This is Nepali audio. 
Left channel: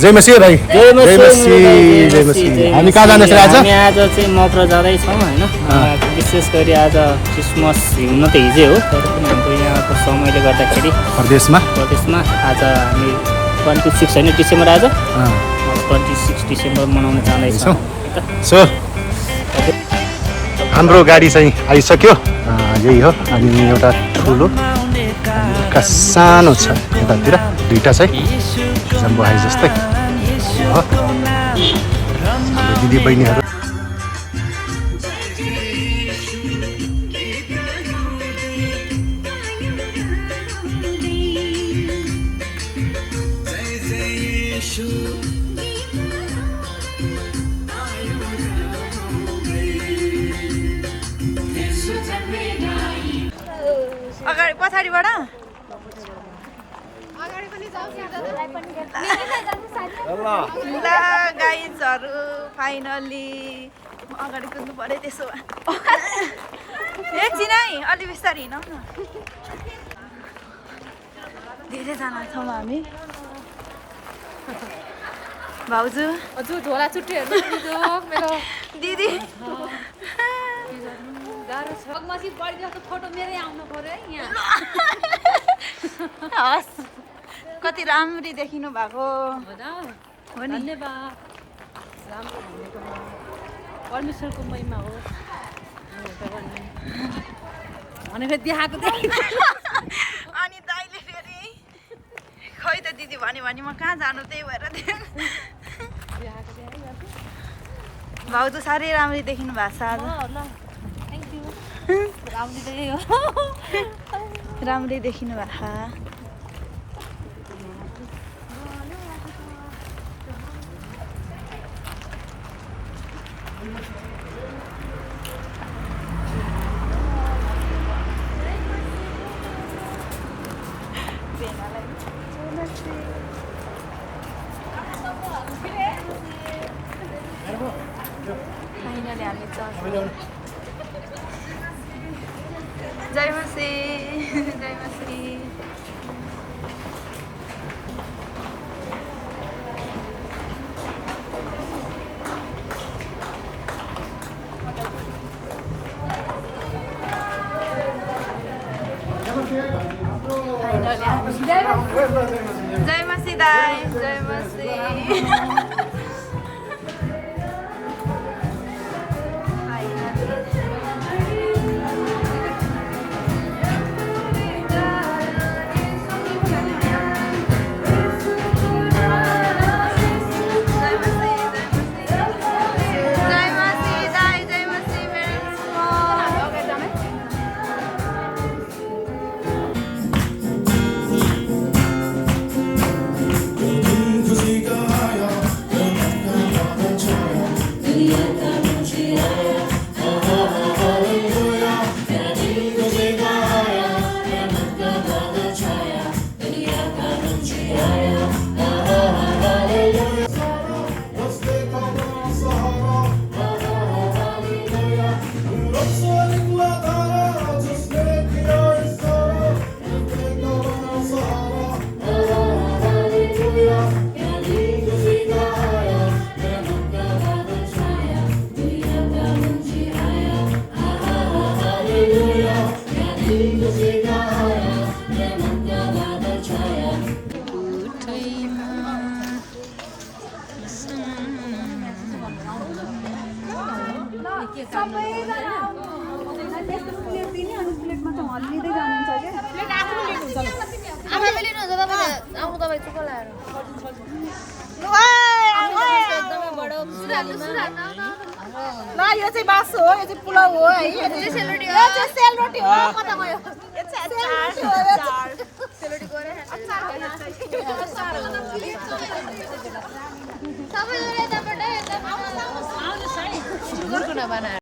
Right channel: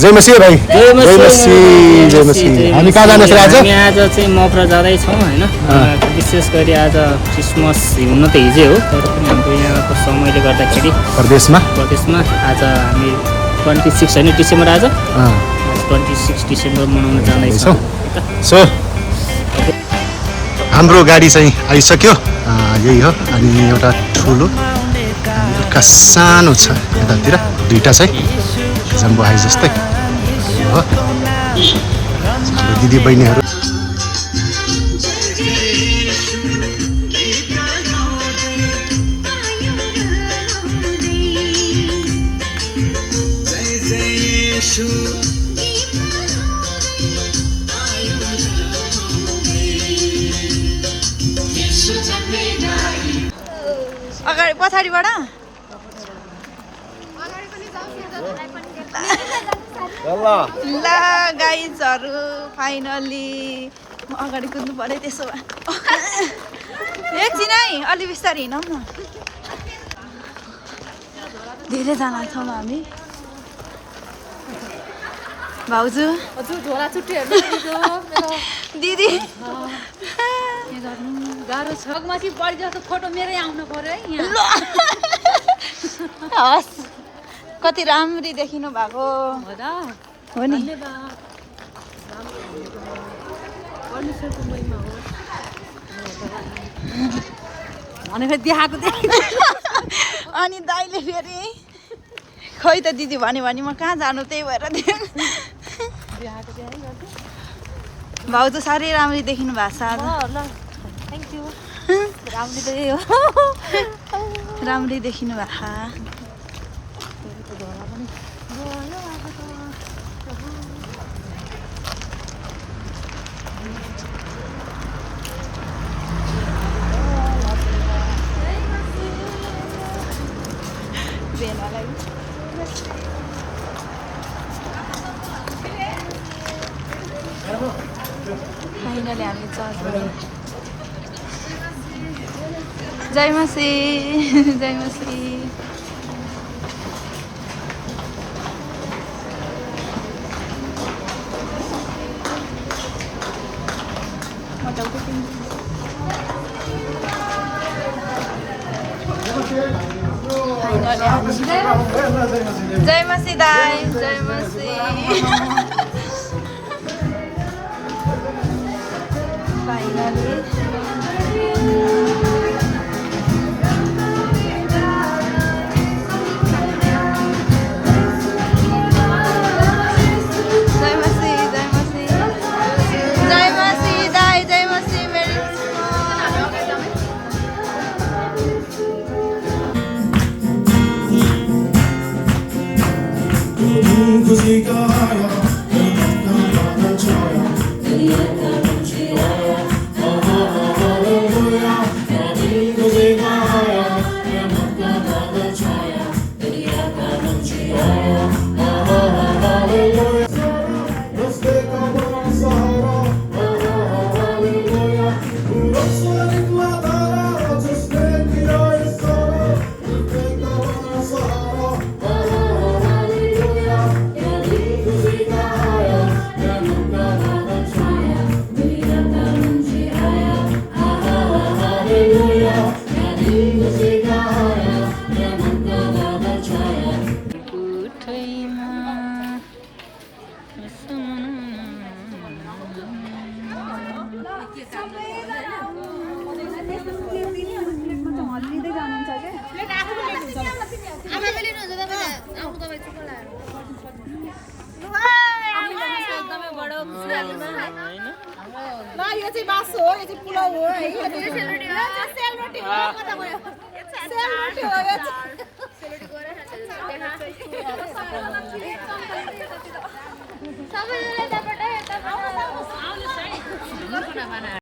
जय मसी भाइ जय मसी जय मसी हामी कहाँ जाँदैछ आज हामी आज चाहिँ मफरा जाँदैछौँ होइन विशेष गरी आज क्रिसमस हुन त हिजै हो तर पनि हाम्रो यहाँको समयले गर्दाखेरि प्रदेशमा आज हामी 26 होइन डिसेम्बर आज 26 डिसेम्बर मनाउन जाँदैछौँ सो हाम्रो गाडी चाहिँ आइसक्यो यही हो अनि एउटा ठुलो एउटा सानो छ यतातिर दुईटा चाहिँ जम्बो हाई जस्तै हो हाम्रो दिदी बहिनीहरू अगाडि पछाडिबाट ल गाइजहरू फाइनली म अगाडि कुद्नु पऱ्यो त्यसो भए एकछिन है अलि बिस्तारै हिँडौँ न धेरैजना छौँ हामी भाउजू हजुर झोला चुट्टीहरू दिदी गाह्रो छ माथि पढिदिएको फोटो मेरै आउनु पर्यो है यहाँ हस् कति राम्ररी देखिनु भएको हो नि धन्यवाद राम्रो भनेकोमा परमेश्वरको महिमा होस् भनेर देखाएको अनि दाइले फेरि खै त दिदी भन्यो भने म कहाँ जानु त्यही भएर भाउजू साह्रै राम्ररी देखिनु भएको छ आज थ्याङ्क यू राम्रो त हो राम्ररी देखिनु भएको फाइनली हामी चर्च जय मसी जय मसी फाइनली हामी जय मसी दाई जय मसी ल यो चाहिँ बासो हो यो चाहिँ पुलाउ हो है यो चाहिँ सेलरोटी हो कता गयो सेलरोटी हो सेलरोटी गरे अचार सबैले त्यहाँबाट एकदम आउन